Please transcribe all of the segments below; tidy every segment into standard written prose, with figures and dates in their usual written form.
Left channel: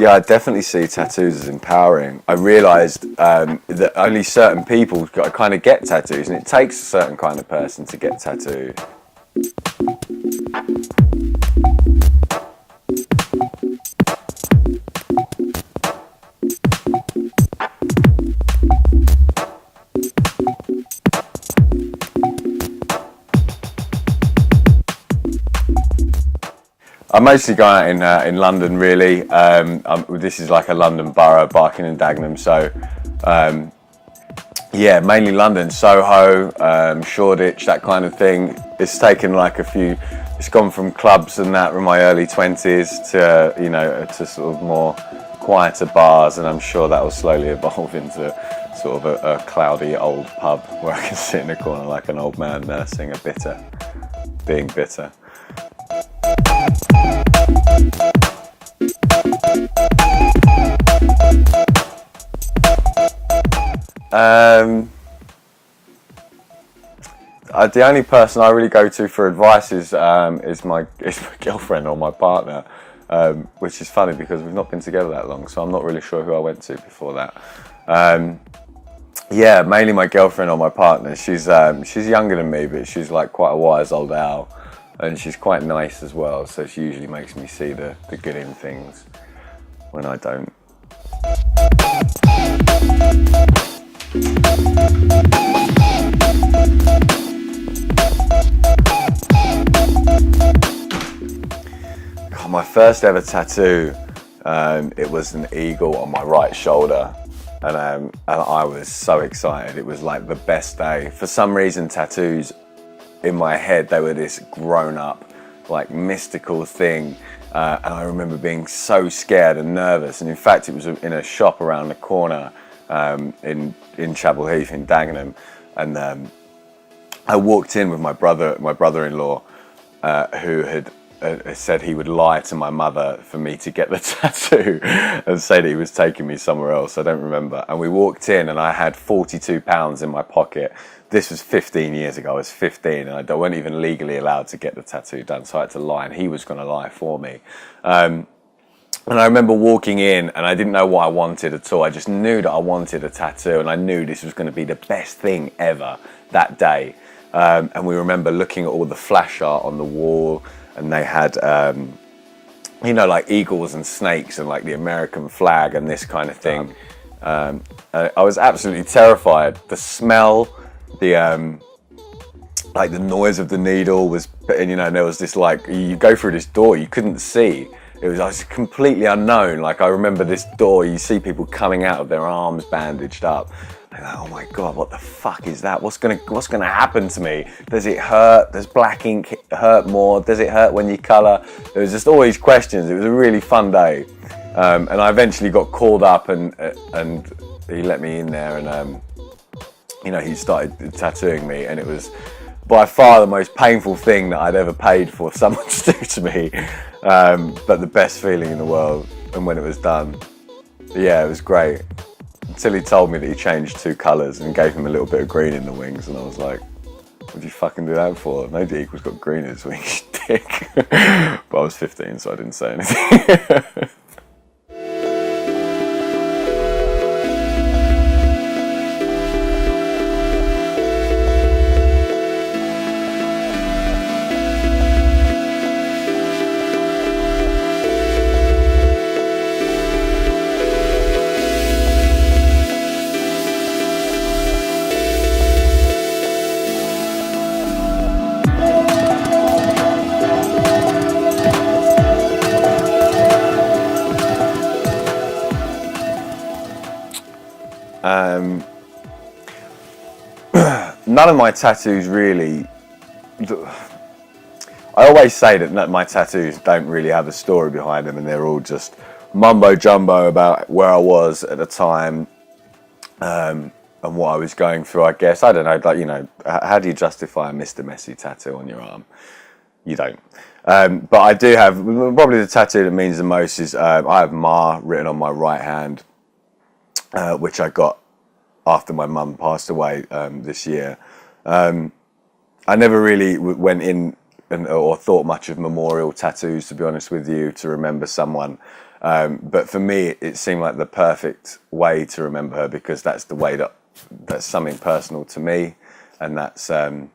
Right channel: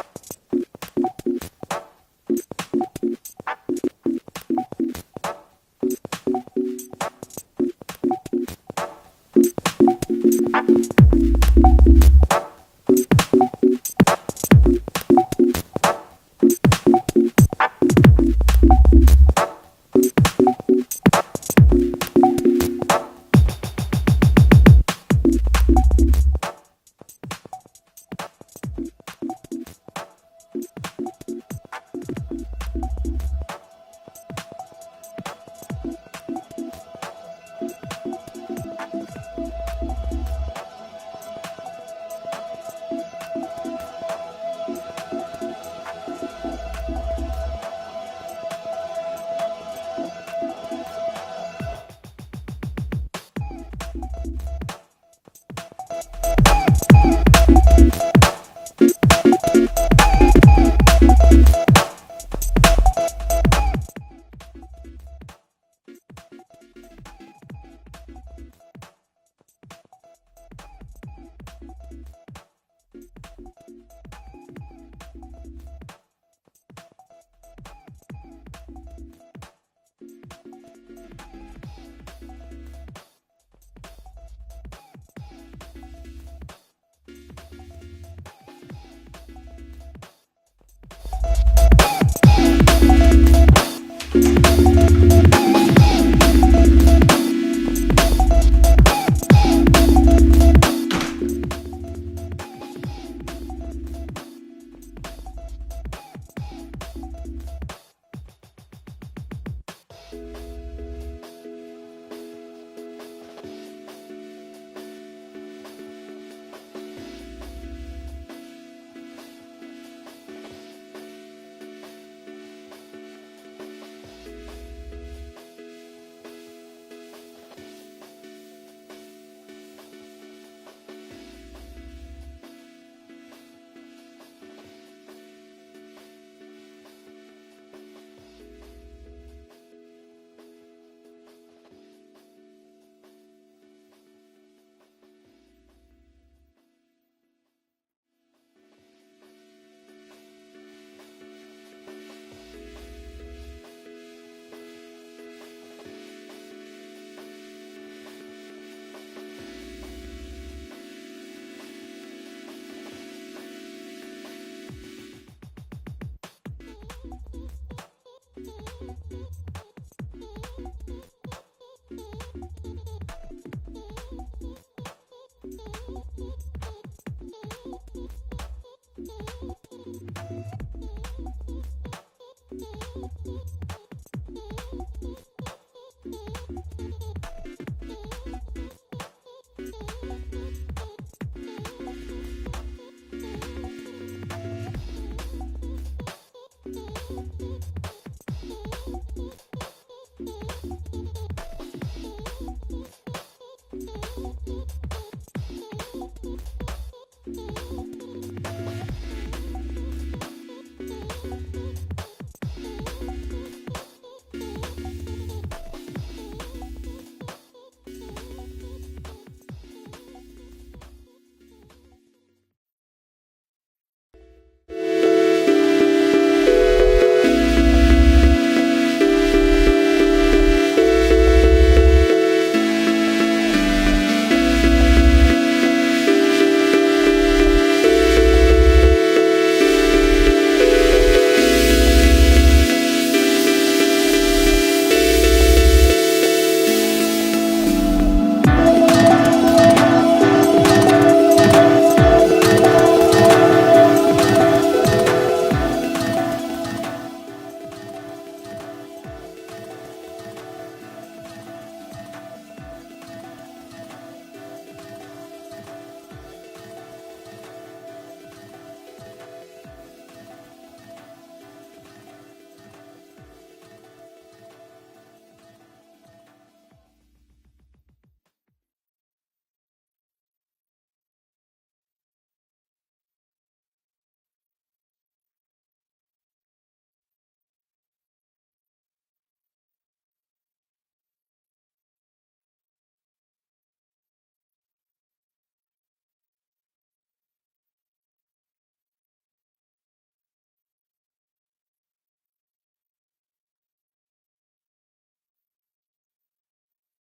Yeah, I definitely see tattoos as empowering. I realised that only certain people kind of get tattoos, and it takes a certain kind of person to get tattooed. I mostly go out in London, really. This is like a London borough, Barking and Dagenham, so yeah, mainly London, Soho, Shoreditch, that kind of thing. It's taken like it's gone from clubs and that in my early 20s to, you know, to sort of more quieter bars, and I'm sure that will slowly evolve into sort of a cloudy old pub where I can sit in a corner like an old man nursing a bitter, being bitter. The only person I really go to for advice is my girlfriend or my partner, which is funny because we've not been together that long, so I'm not really sure who I went to before that. Yeah, mainly my girlfriend or my partner. She's younger than me, but she's like quite a wise old owl, and she's quite nice as well. So she usually makes me see the good in things when I don't. My first ever tattoo, it was an eagle on my right shoulder, and I was so excited. It was like the best day. For some reason, tattoos in my head, they were this grown-up, like mystical thing, and I remember being so scared and nervous. And in fact, it was in a shop around the corner in Chapel Heath in Dagenham, and I walked in with my brother-in-law, who had said he would lie to my mother for me to get the tattoo and say that he was taking me somewhere else. I don't remember. And we walked in and I had £42 in my pocket. This was 15 years ago. I was 15 and I wasn't even legally allowed to get the tattoo done, so I had to lie, and he was going to lie for me. And I remember walking in and I didn't know what I wanted at all. I just knew that I wanted a tattoo, and I knew this was going to be the best thing ever that day. And we remember looking at all the flash art on the wall, and they had, you know, like eagles and snakes and like the American flag and this kind of thing. I was absolutely terrified. The smell, like the noise of the needle was, and you know, there was this like, you go through this door, you couldn't see. I was completely unknown. Like I remember this door, you see people coming out with their arms bandaged up. Like, oh my God, what the fuck is that? What's gonna happen to me? Does it hurt? Does black ink hurt more? Does it hurt when you colour? There was just all these questions. It was a really fun day. And I eventually got called up and he let me in there, and you know, he started tattooing me, and it was by far the most painful thing that I'd ever paid for someone to do to me. But the best feeling in the world, and when it was done, yeah, it was great. Until he told me that he changed 2 colours and gave him a little bit of green in the wings, and I was like, what'd you fucking do that for? No eagle's got green in his wings, dick. But I was 15, so I didn't say anything. None of my tattoos really, I always say that my tattoos don't really have a story behind them, and they're all just mumbo jumbo about where I was at the time, and what I was going through, I guess. I don't know, like, you know, how do you justify a Mr. Messi tattoo on your arm? You don't. But I do have, probably the tattoo that means the most is, I have Ma written on my right hand, which I got after my mum passed away this year. I never really went in or thought much of memorial tattoos, to be honest with you, to remember someone. But for me, it seemed like the perfect way to remember her, because that's the way that's something personal to me, and that's so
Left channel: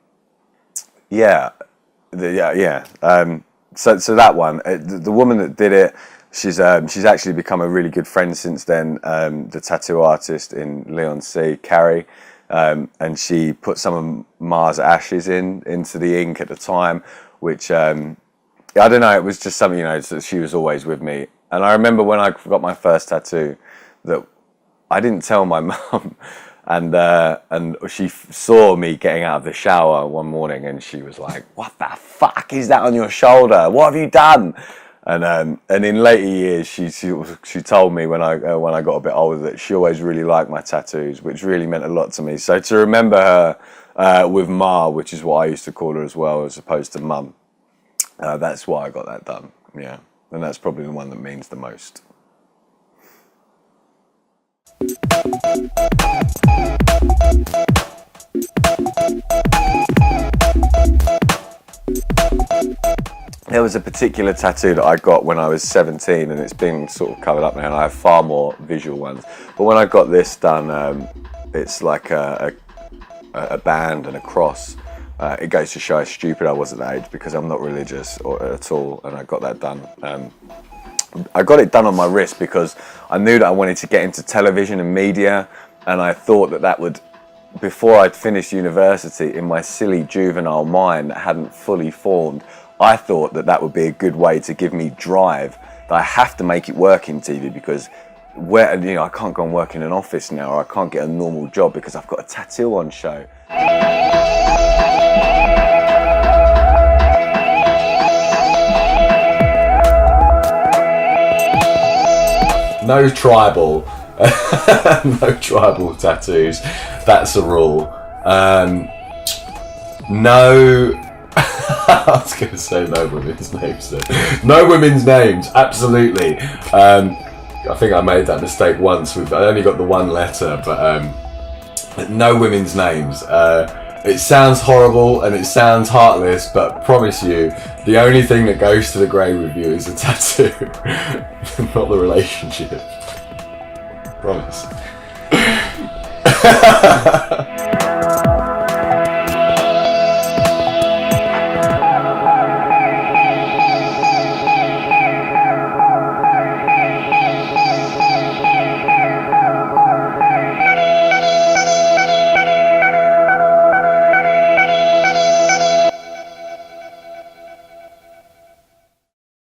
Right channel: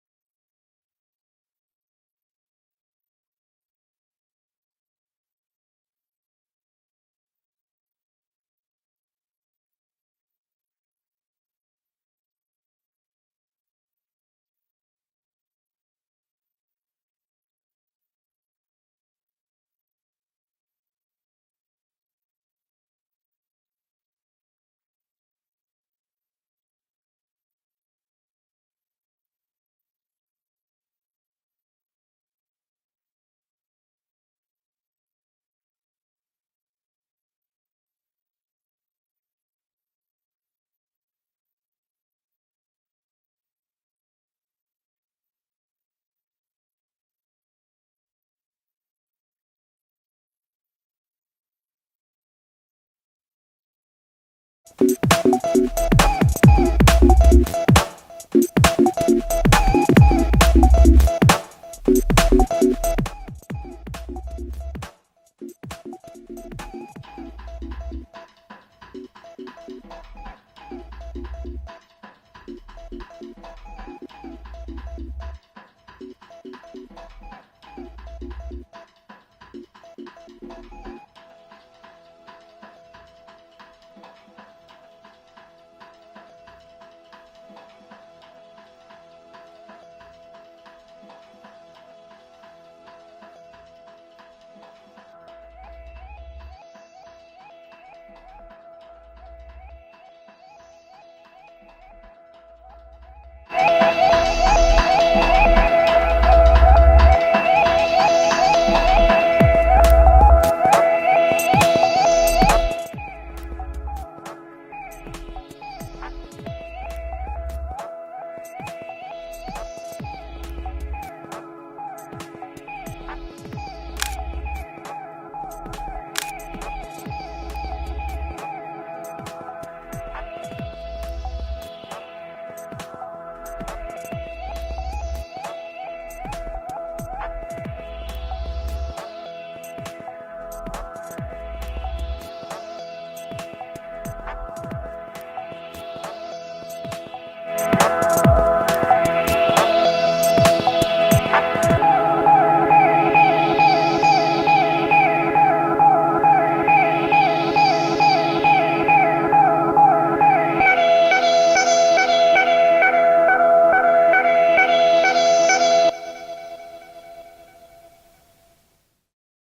that one, the woman that did it, she's actually become a really good friend since then. The tattoo artist in Leon C, Carrie, and she put some of Mars ashes into the ink at the time, which I don't know. It was just something, that she was always with me. And I remember when I got my first tattoo, that I didn't tell my mum, and she saw me getting out of the shower one morning, and she was like, "What the fuck is that on your shoulder? What have you done?" And in later years, she told me when I got a bit older that she always really liked my tattoos, which really meant a lot to me. So to remember her with Ma, which is what I used to call her as well, as opposed to Mum, that's why I got that done. Yeah, and that's probably the one that means the most. There was a particular tattoo that I got when I was 17, and it's been sort of covered up now, and I have far more visual ones. But when I got this done, it's like a band and a cross. It goes to show how stupid I was at that age, because I'm not religious at all, and I got that done. I got it done on my wrist because I knew that I wanted to get into television and media, and I thought that would, before I'd finished university, in my silly juvenile mind that hadn't fully formed, I thought that would be a good way to give me drive, that I have to make it work in TV, because I can't go and work in an office now, or I can't get a normal job because I've got a tattoo on show. No tribal, no tribal tattoos. That's a rule. No. I was going to say no women's names. No women's names, absolutely. I think I made that mistake once. I only got the one letter, but no women's names. It sounds horrible and it sounds heartless, but promise you, the only thing that goes to the grave with you is the tattoo, not the relationship. Promise.